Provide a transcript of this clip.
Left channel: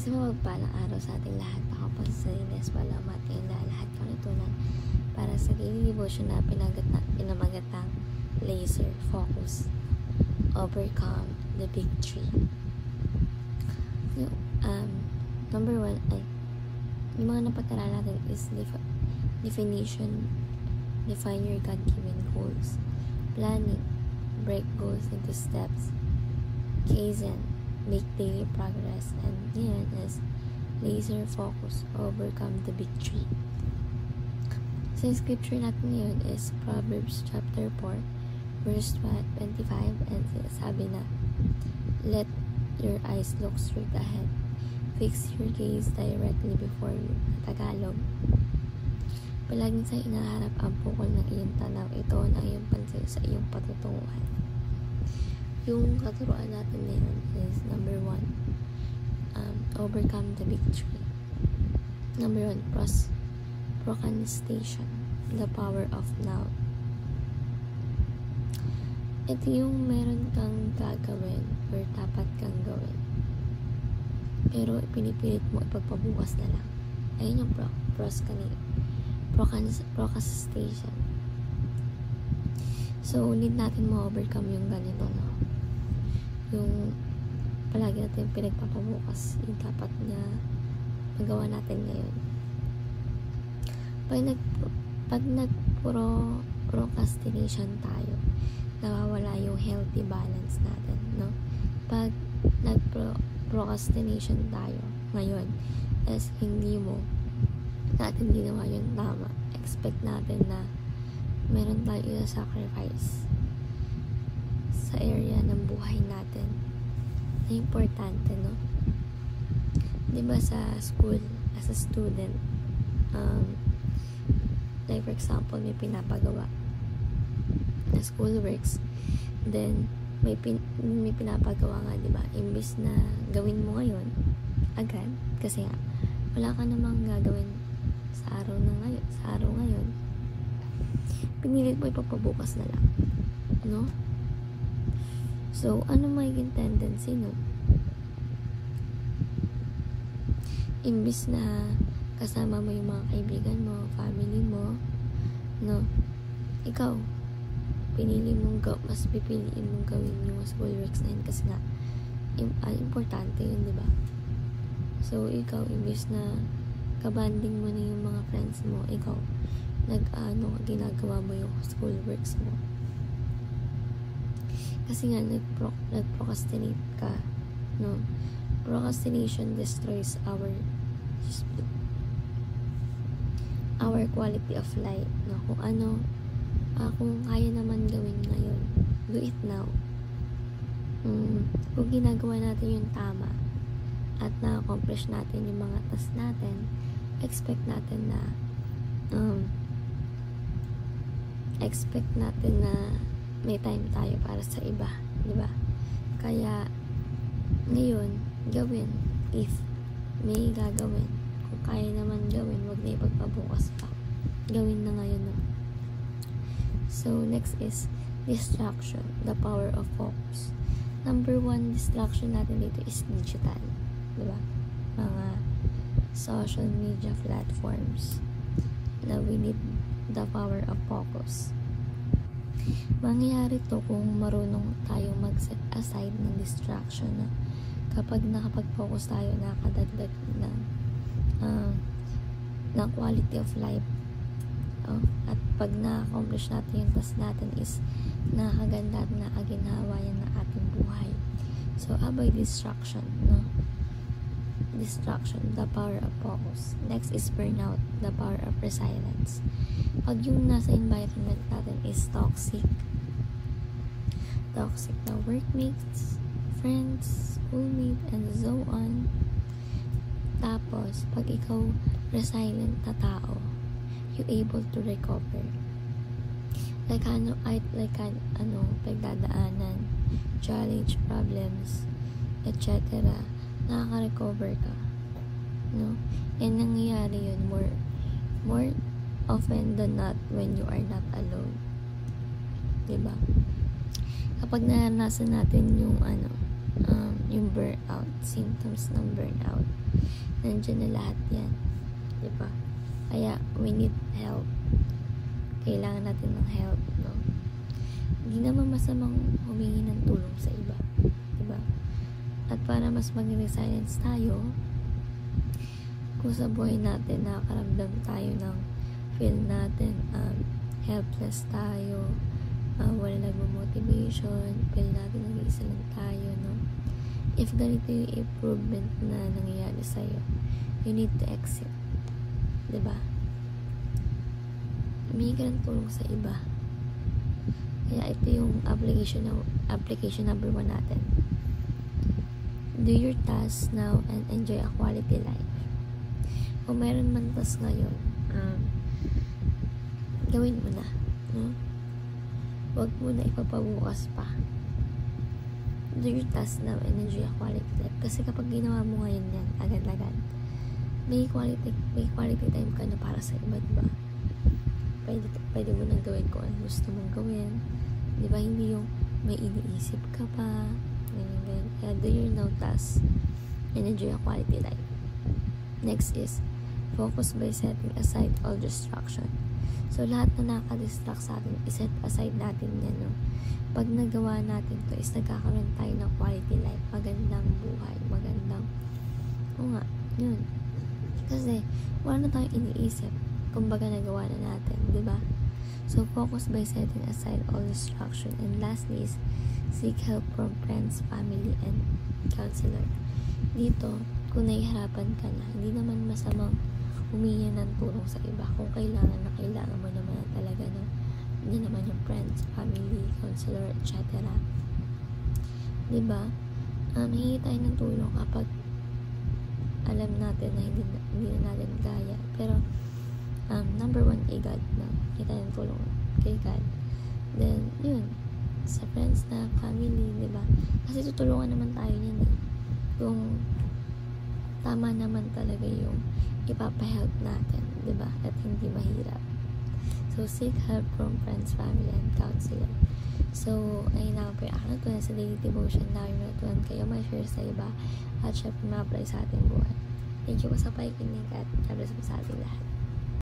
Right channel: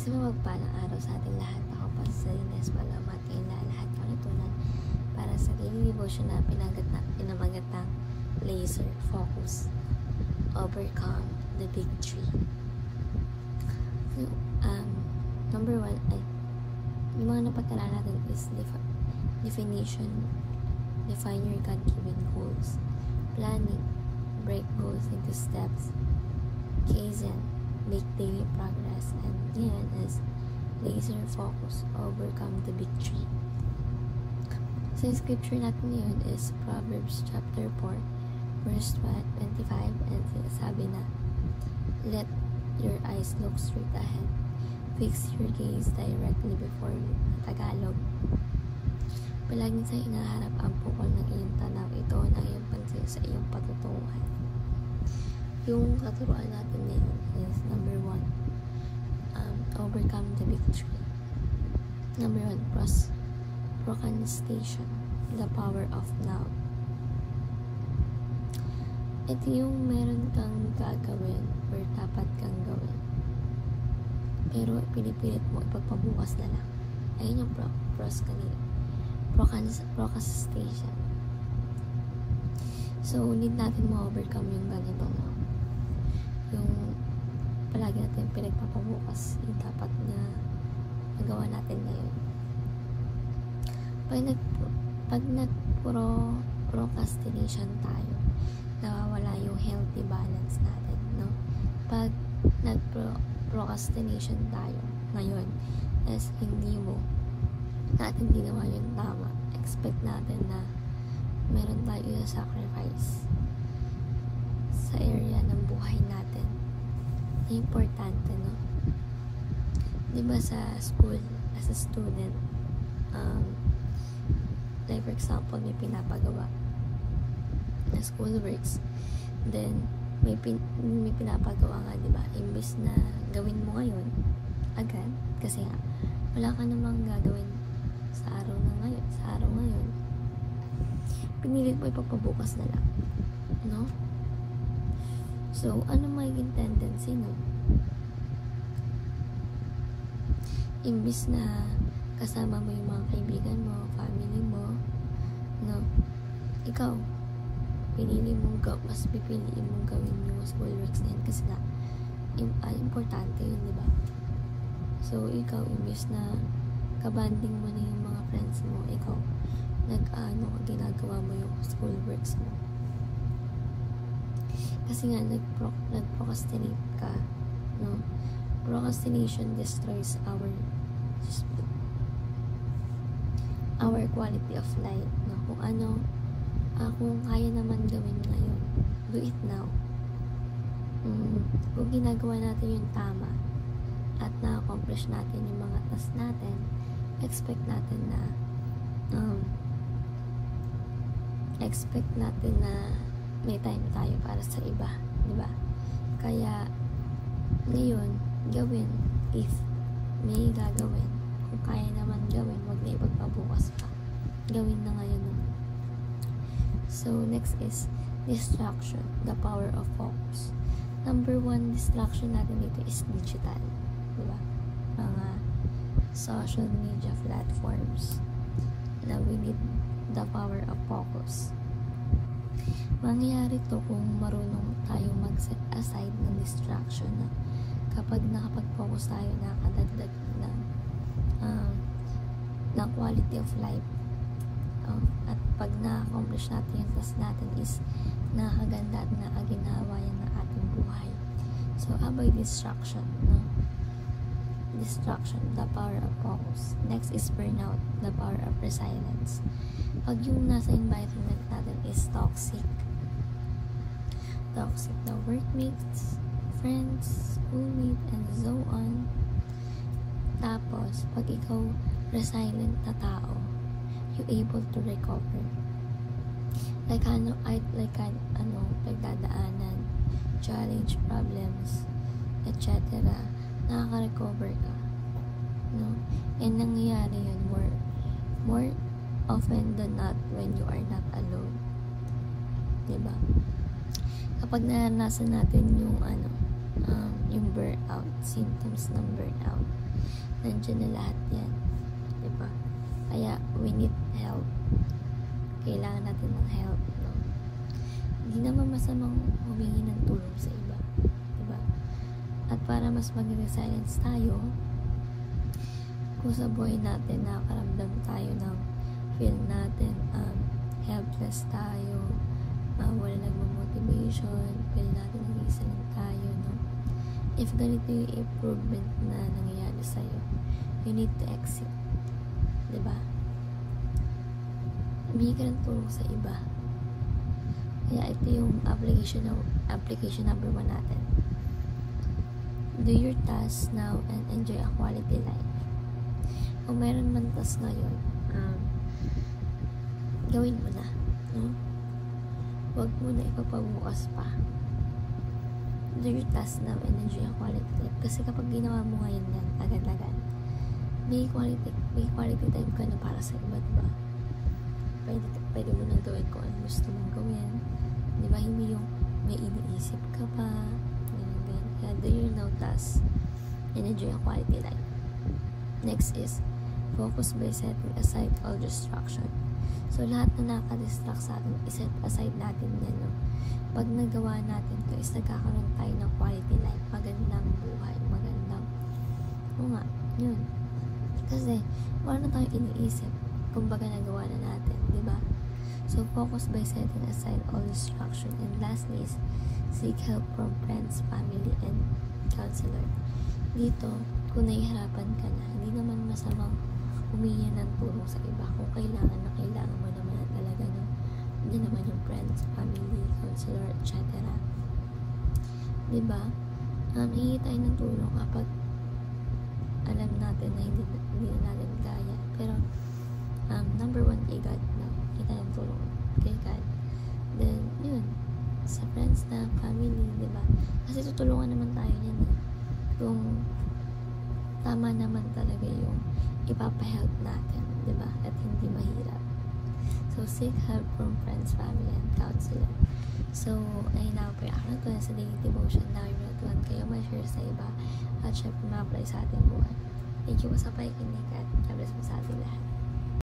Isang mapagpalang araw sa ating lahat. Ako po sa Ines Walamat ngayon na lahat panitunan para sa daily devotion na pinamagat ng laser focus. Overcome the big tree. Number 1 ay yung mga napag-aralan natin is definition. Define your God-given goals. Planning. Break goals into steps. Kaizen. Make daily progress. And yan is laser focus. Overcome the big tree. So, scripture natin ngayon is Proverbs chapter 4 verse 25 and sabi na, let your eyes look straight ahead. Fix your gaze directly before you. Tagalog. Palaging sa inaharap ang pukol ng iyong tanaw. Ito ang iyong pansin sa iyong patutunguhan. Yung katuruan natin ngayon is number 1. Overcome the big tree. Number 1. Procrastination. The power of now. Ito yung meron kang gagawin or dapat kang gawin. Pero pinipilit mo ipagpabukas na lang. Ayun yung procrastination. So, need natin ma-overcome yung ganito na. Yung palagi natin pinagpapabukas yung dapat na magawa natin ngayon. Pag nag-procrastination tayo, nawawala yung healthy balance natin, no? Pag nag-procrastination tayo ngayon, as hindi mo natin ginawa yung tama, expect natin na meron tayo i-sacrifice sa area ng buhay natin. Importante, no? Diba sa school, as a student, like for example, may pinapagawa na school works, then may pinapagawa nga, diba? Imbis na gawin mo ngayon agad, kasi nga wala ka namang gagawin sa araw ngayon, pinilit mo ipapabukas na lang, no? So, ano magiging tendency, no? Imbis na kasama mo yung mga kaibigan mo, family mo, no? Ikaw, mas pipiliin mong gawin yung school works na yun kasi na importante yun, diba? So, ikaw, imbis na kabanding mo na yung mga friends mo, ikaw, ginagawa mo yung school works mo. Kasi nga, nag-procrastinate ka, no? Procrastination destroys our quality of life, no? Kung kaya naman gawin ngayon, do it now. Kung ginagawa natin yung tama at na-accomplish natin yung mga task natin, expect natin na may time tayo para sa iba, diba? Kaya ngayon, gawin if may gagawin. Kung kaya naman gawin, wag na ipagpabukas pa. Gawin na ngayon na. So, next is distraction, the power of focus. Number 1 distraction natin dito is digital. Diba? Mga social media platforms na we need the power of focus. Mangyayari to kung marunong tayo mag-set aside ng distraction. No? Kapag nakapag-focus tayo, nakakadagdag ng quality of life. At pag na-accomplish natin yung task natin is nakakaganda at nakaginhawayan ng ating buhay. So, avoid distraction, no? Distraction, the power of focus. Next is burnout, the power of resilience. Pag yung nasa environment natin is toxic na workmates, friends, schoolmates, and so on. Tapos, pag ikaw resilient na tao, you able to recover. Pagdadaanan, challenge, problems, etc. Nakaka-recover ka. No? And nangyayari yun more often than not when you are not alone. Diba? Kapag naranasan natin yung yung burnout, symptoms ng burnout. Nandiyan na lahat yan. Diba? Kaya, we need help. Kailangan natin ng help, no? Hindi naman masamang humingi ng tulong sa iba. Diba? At para mas maging resilience tayo, kung sa buhay natin nakakaramdam tayo ng feel natin helpless tayo, wala nagmo-motivation, feel natin nag-iisa lang tayo, no? If ganito yung improvement na nangyayari sa'yo, you need to exit. Diba? Humingi ka ng tulong sa iba. Kaya ito yung application number 1 natin. Do your tasks now and enjoy a quality life. Kung meron man task ngayon, gawin mo na, no? Huwag mo na ipapabukas pa. Do your task now and enjoy a quality life. Kasi kapag ginawa mo ngayon yan, agad-agad, may quality time ka na para sa iba, diba? Pwede mo nang gawin kung ano gusto mong gawin. Diba? Hindi yung may iniisip ka pa. Kaya do your now task and enjoy a quality life. Next is, focus by setting aside all distraction. So, lahat na nakadistract sa atin, iset aside natin yan, no? Pag nagawa natin to, is nagkakaroon tayo ng quality life, magandang buhay, magandang, yun. Kasi, wala na tayong iniisip, kumbaga nagawa na natin, di ba? So, focus by setting aside all distraction. And lastly is, seek help from friends, family, and counselor. Dito, kung nahihirapan ka na, hindi naman masamang humingi ng tulong sa iba. Kung kailangan mo naman na talaga, no? Hindi naman yung friends, family, counselor, etc. Diba? Hingi tayo ng tulong kapag alam natin na hindi na natin kaya. Pero, number 1 kay God, no? Hingi tayo ng tulong kay God. Then, yun, sa friends na, family, diba? Kasi tutulungan naman tayo niyan, eh. Kung tama naman talaga yung ipapahelp natin, diba? At hindi mahirap. So, seek help from friends, family, and counselor. So, ayun na po yung ito na sa daily devotion na yung natuhan kayo, ma-share sa iba at syempre ma-apply sa ating buwan. Thank you po sa pakikinig at God bless po sa ating lahat.